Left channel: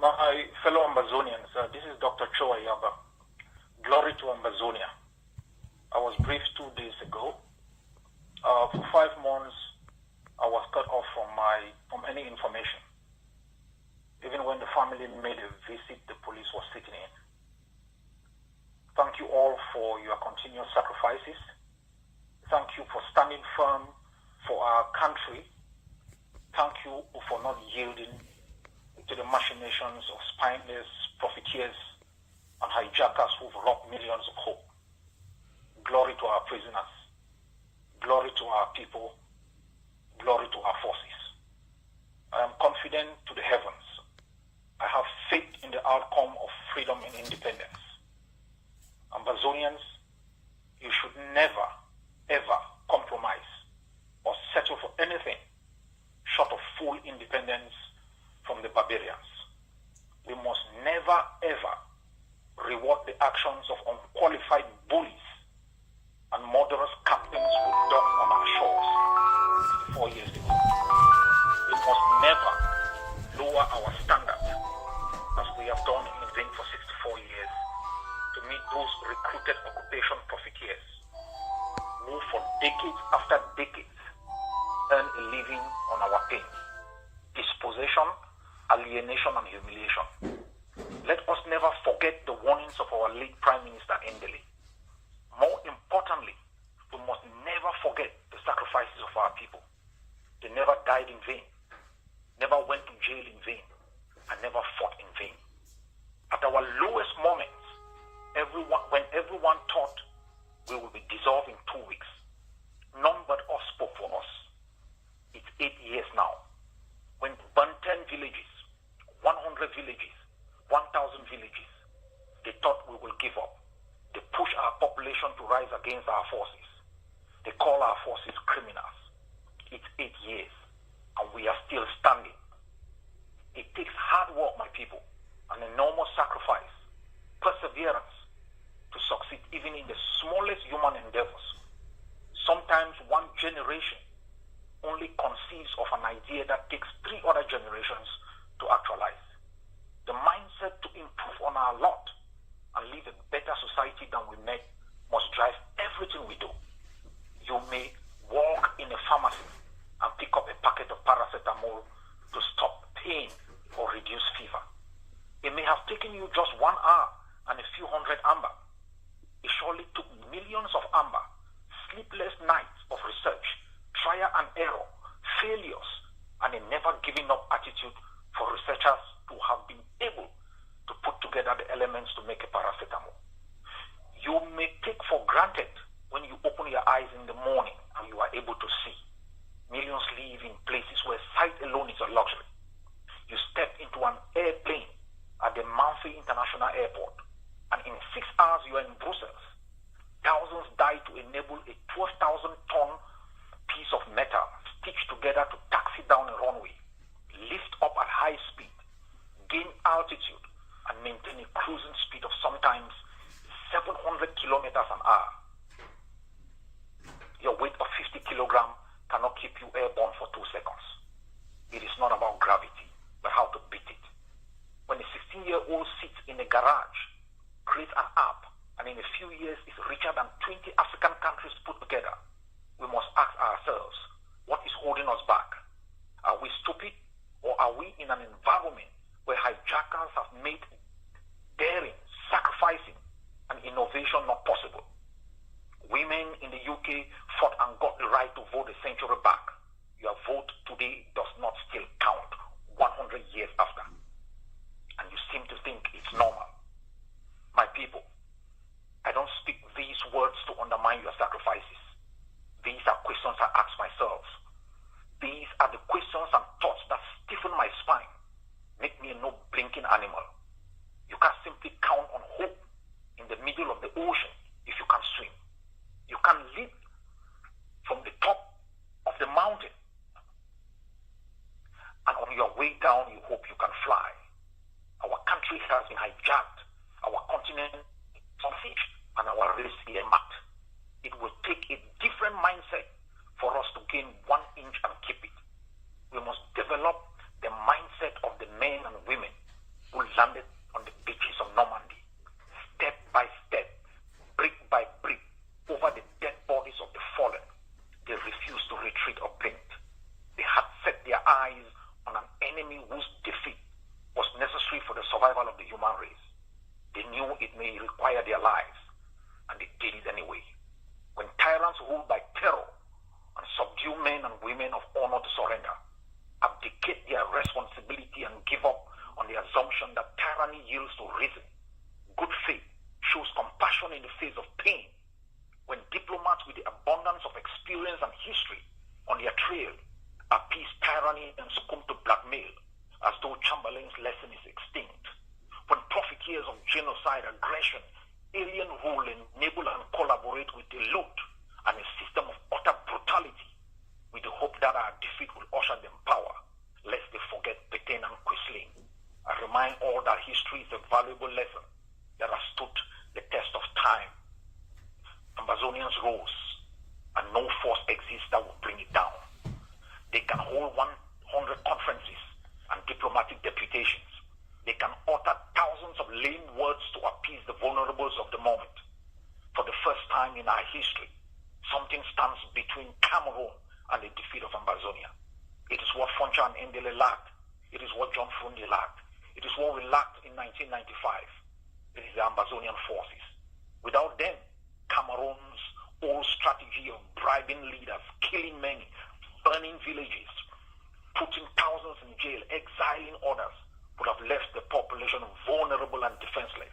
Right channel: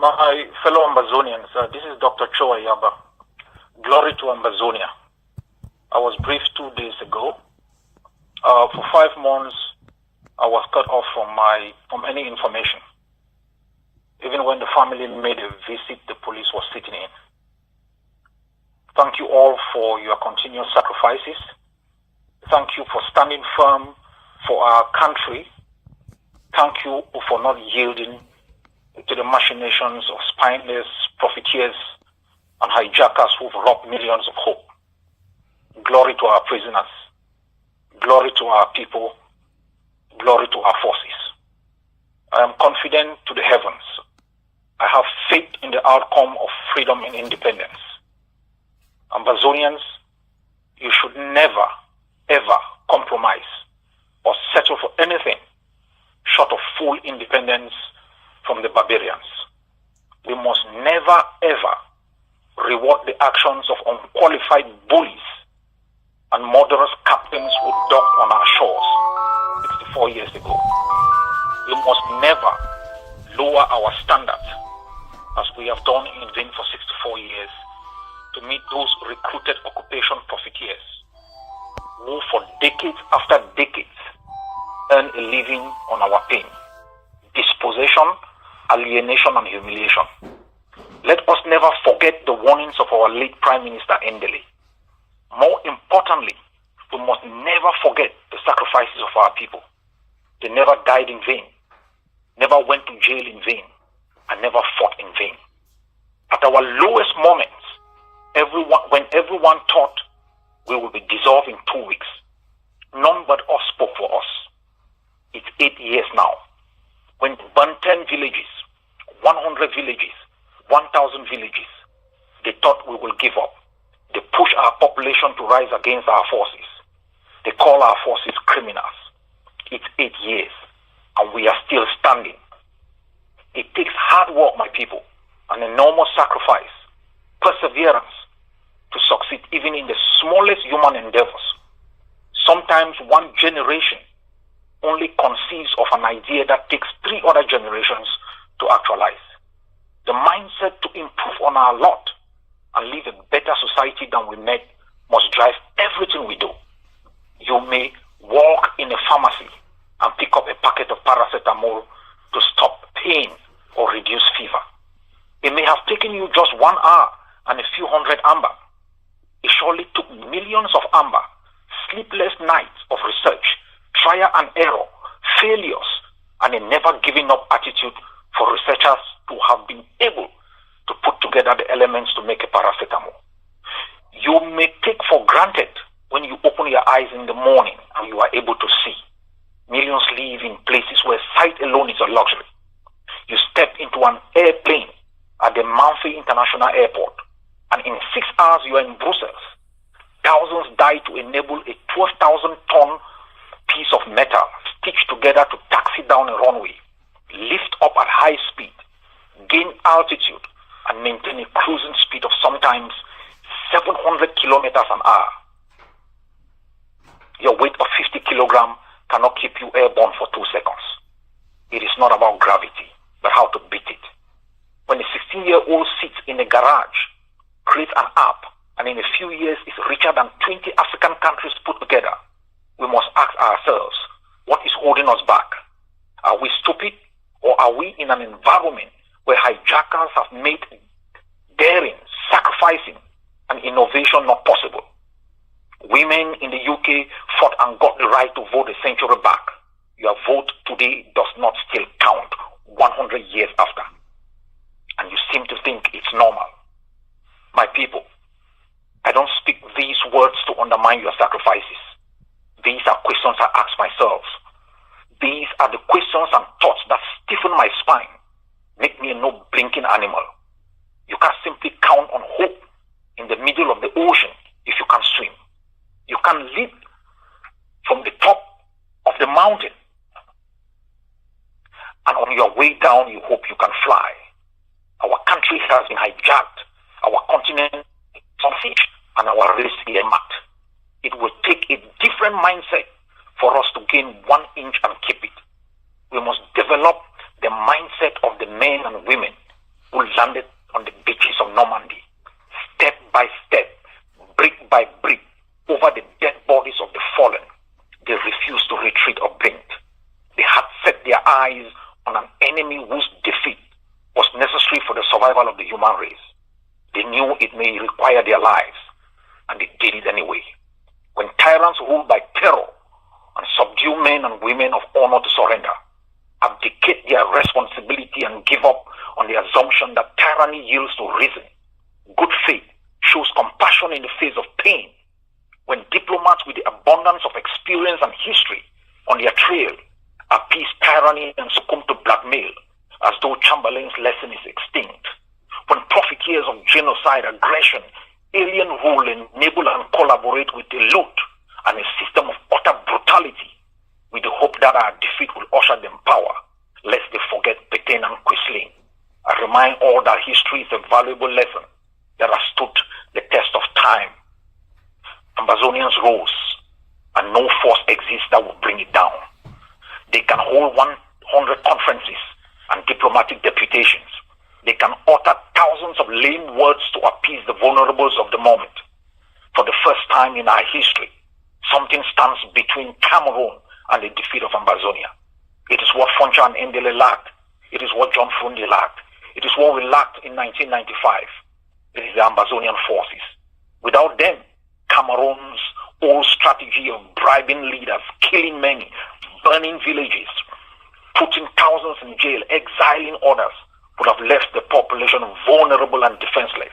My fellow Ambazonians, this is Dr. Cho Ayaba. Glory to Ambazonia. I was briefed 2 days ago. For 5 months, I was cut off from any information. Even when the family made a visit, the police was sitting in. Thank you all for your continuous sacrifices. Thank you for standing firm for our country. Thank you for not yielding to the machinations of spineless profiteers and hijackers who've robbed millions of hope. Glory to our prisoners. Glory to our people. Glory to our forces. I am confident to the heavens. I have faith in the outcome of freedom and independence. Ambazonians, you should never, ever compromise or settle for anything short of full independence from the barbarians. We must never, ever reward the actions of unqualified bullies and murderous captains who docked on our shores 64 years ago. We must never lower our standards as we have done in vain for 64 years to meet those recruited occupation profiteers who for decades after decades earn a living on our pain, dispossession, alienation and humiliation. Let us never forget the warnings of our late Prime Minister Endele. More importantly, we must never forget the sacrifices of our people. They never died in vain, never went to jail in vain, and never fought in vain. At our lowest moments, when everyone thought we would be dissolved in 2 weeks, none but us spoke for us. It's 8 years now. When they burned 10 villages, 100 villages, 1,000 villages, they thought we will give up. They push our population to rise against our forces. They call our forces criminals. It's 8 years, and we are still standing. It takes hard work, my people, an enormous sacrifice, perseverance to succeed even in the smallest human endeavors. Sometimes one generation only conceives of an idea that takes 3 other generations to actualize. The mindset to improve on our lot and live a better society than we met must drive everything we do. You may walk in a pharmacy and pick up a packet of paracetamol to stop pain or reduce fever. It may have taken you just 1 hour and a few hundred amber. It surely took millions of amber, sleepless nights of research, trial and error, failures, and a never giving up attitude for researchers to have been able to put together the elements to make a paracetamol. You may take for granted when you open your eyes in the morning and you are able to see. Millions live in places where sight alone is a luxury. You step into an airplane at the Manfi International Airport, and in 6 hours you are in Brussels. Thousands die to enable a 12,000-ton piece of metal stitched together to taxi down a runway, lift up at high speed, gain altitude, and maintain a cruising speed of sometimes 700 kilometers an hour. Your weight of 50 kilograms cannot keep you airborne for 2 seconds. It is not about gravity, but how to beat it. When a 16-year-old sits in a garage, creates an app, and in a few years is richer than 20 African countries put together, we must ask ourselves, what is holding us back? Are we stupid, or are we in an environment where hijackers have made daring, sacrificing, and innovation not possible? Women in the UK fought and got the right to vote a century back. Your vote today does not still count 100 years after. And you seem to think it's normal. My people, I don't speak these words to undermine your sacrifices. These are questions I ask myself. These are the questions and thoughts that stiffen my spine, make me a no-blinking animal. You can simply count on hope in the middle of the ocean if you can swim. You can leap from the top of the mountain, and on your way down you hope you can fly. Our country has been hijacked, our continent is on siege, and our race earmarked. It will take a different mindset for us to gain 1 inch and keep it. We must develop the mindset of the men and women who landed on the beaches of Normandy, step by step, brick by brick, over the dead bodies of the fallen. They refused to retreat or blink. They had set their eyes on an enemy whose defeat was necessary for the survival of the human race. They knew it may require their lives, and they did it anyway. When tyrants rule by terror and subdue men and women of honor to surrender, abdicate their responsibility and give up on the assumption that tyranny yields to reason, good faith shows compassion in the face of pain. When diplomats with the abundance of experience and history on their trail appease tyranny and succumb to blackmail as though Chamberlain's lesson is extinct. When profiteers of genocide, aggression, alien rule enable and collaborate with the loot and a system of utter brutality with the hope that our defeat will usher them power, lest they forget Petain and Quisling. I remind all that history is a valuable lesson that has stood the test of time. Ambazonians rose, and no force exists that will bring it down. They can hold 100 conferences and diplomatic deputations. They can utter thousands of lame words to appease the vulnerables of the moment. For the first time in our history, something stands between Cameroon and the defeat of Ambazonia. It is what Foncha and Ndele lacked. It is what John Frundi lacked. It is what we lacked in 1995. It is the Ambazonian forces. Without them, Cameroon's old strategy of bribing leaders, killing many, burning villages, putting thousands in jail, exiling others, would have left the population vulnerable and defenseless.